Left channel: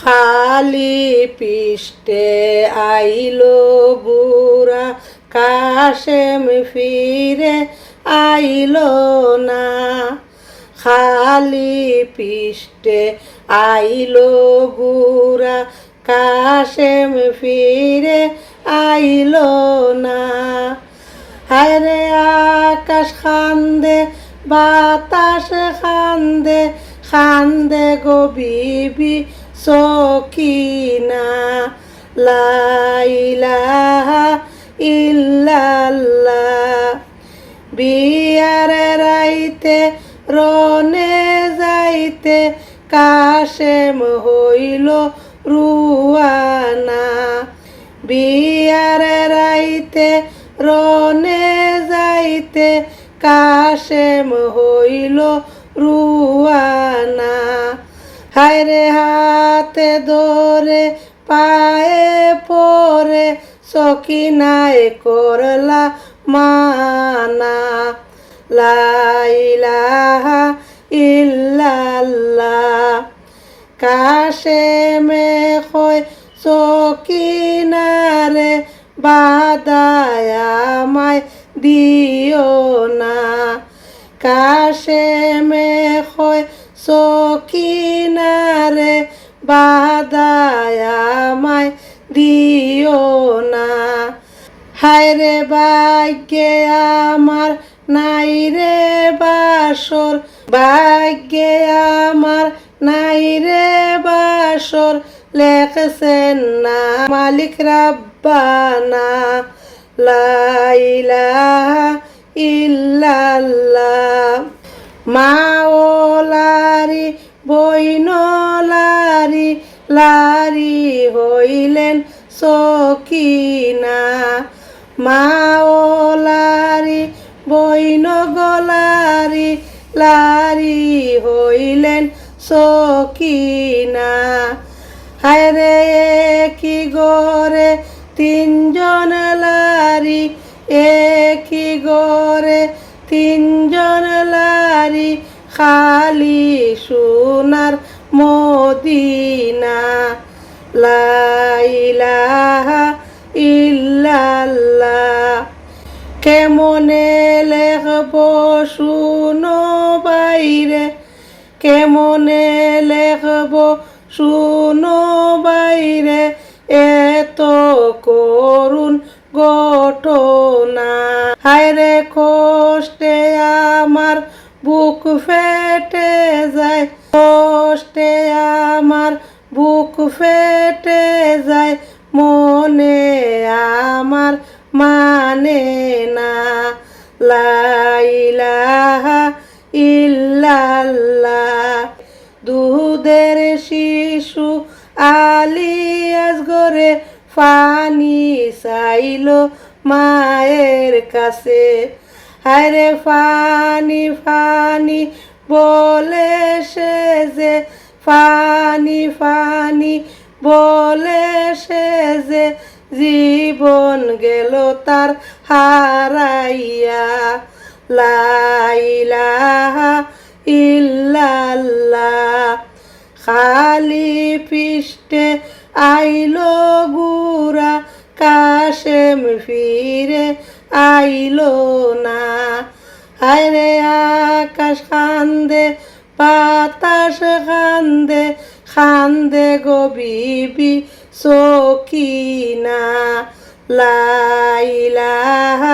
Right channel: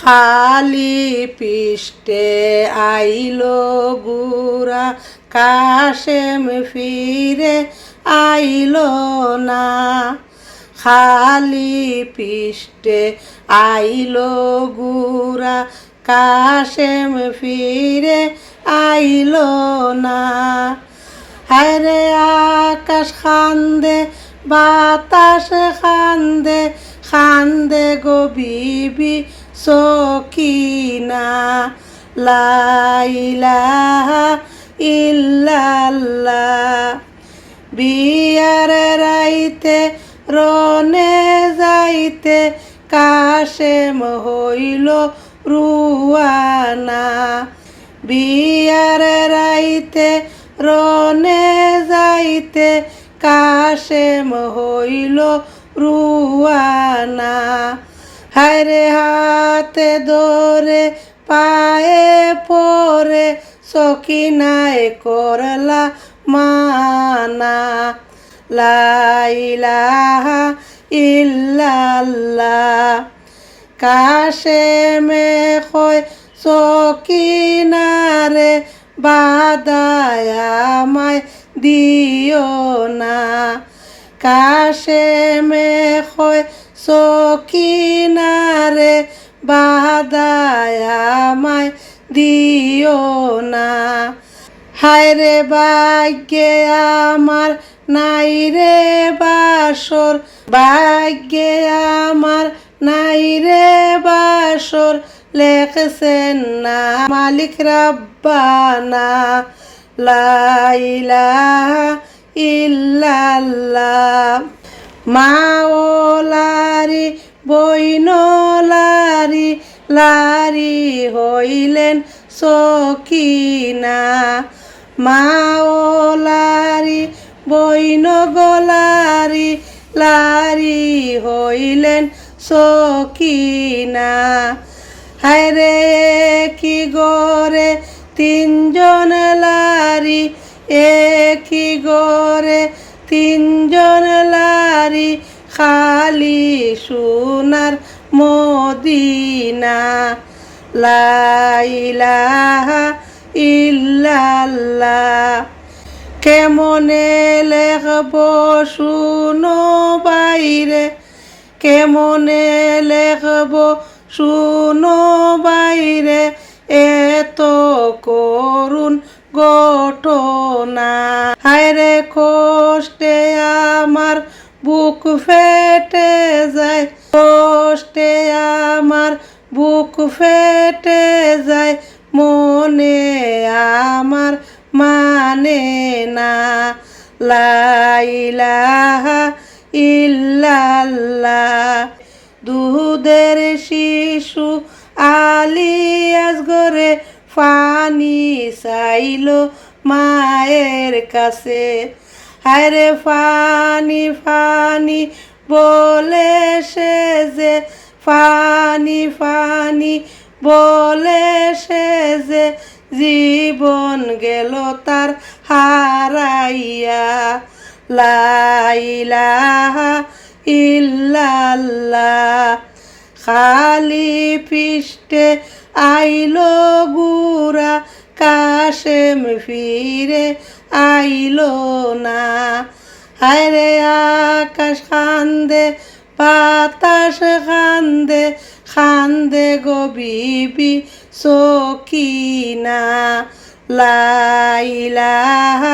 খালি পৃষ্ঠে আইলো বুড়া কাশেম ফিরে আইলো না। খালি পৃষ্ঠে আইলো বুড়া কাশেম ফিরে আইলো না। হায়রে আকাশ কান্দে বাতাস কান্দে কান্দে গো বিবি সকিনা। লা ইলাহা ইল্লাল্লাহ। বিয়ার রাইতে রনে যাইতে কাশেম হইল রুয়ানা। বিয়ার রাইতে রনে যাইতে কাশেম হইল রুয়ানা। হায়রে হাতে ধরে পায়ে পরে সকিনায় করলা মানা। লা ইলাহা ইল্লাল্লাহ। কাশেমে কয় সকিনারে বাদায় আমায় দিও না। কাশেমে কয় সকিনারে বাদায় আমায় দিও না। হায়রে ভাগ্যে আমার নাই রে বাসর, ভাগ্যে আমার নাই রে বাসর, লেখছেন না মালিক রাব্বানা। লা ইলাহা ইল্লাল্লাহ। মাওলারি বইনলারি লারি হইলেন সকিনা। মাওলারি বইন গলারি লারি হইলেন সকিনা। হায়রে কি গরে তিনজন লারি, একই গরে তিনজন লারি, খালি সোনার মদিনা। লা ইলাহা ইল্লাল্লাহ। কেমনে লেখব শুনো বাইরে, কেমনে লেখব শুনো বাইরে, এত করুণ ঘটনা। হায়রে কষ্টে আমার বুক ফেটে যায়, কষ্টে আমার বুক ফেটে যায়, মনে আমার মানে না। লা ইলাহা ইল্লাল্লাহ। দুধের শিশু আলিয়াস ঘরে পানি চাইলো মায়ের কাছে। হায়রে পানি পানি বলে সে যে, পানি পানি বলে সে যে, জীবন গেল তার হারাইয়া। লা ইলাহা ইল্লাল্লাহ। খালি পৃষ্ঠে আইলো গুরা কাশেম ফিরে আইলো না। হায়রে আকাশ কান্দে বাতাস কান্দে কান্দে গো বিবি সকিনা। লা ইলাহা